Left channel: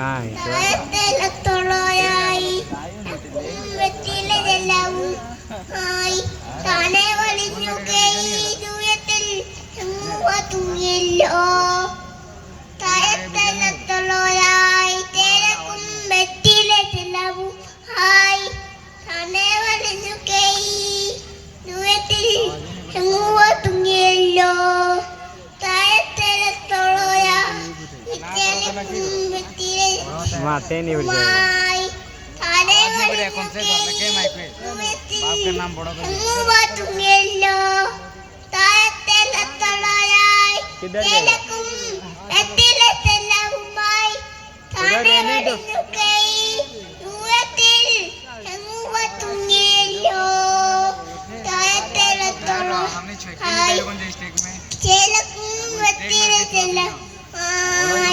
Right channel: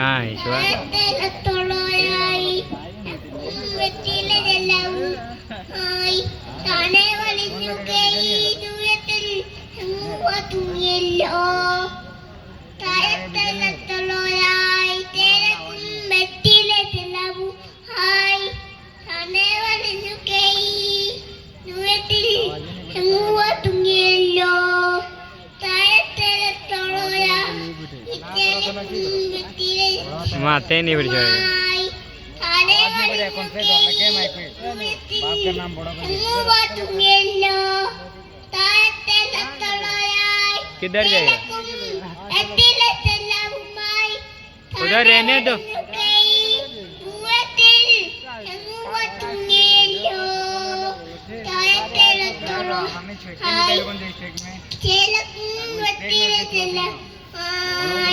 Kai chua. माते नहीं बिरजा किधर जाएगा उधर रहने दो हमने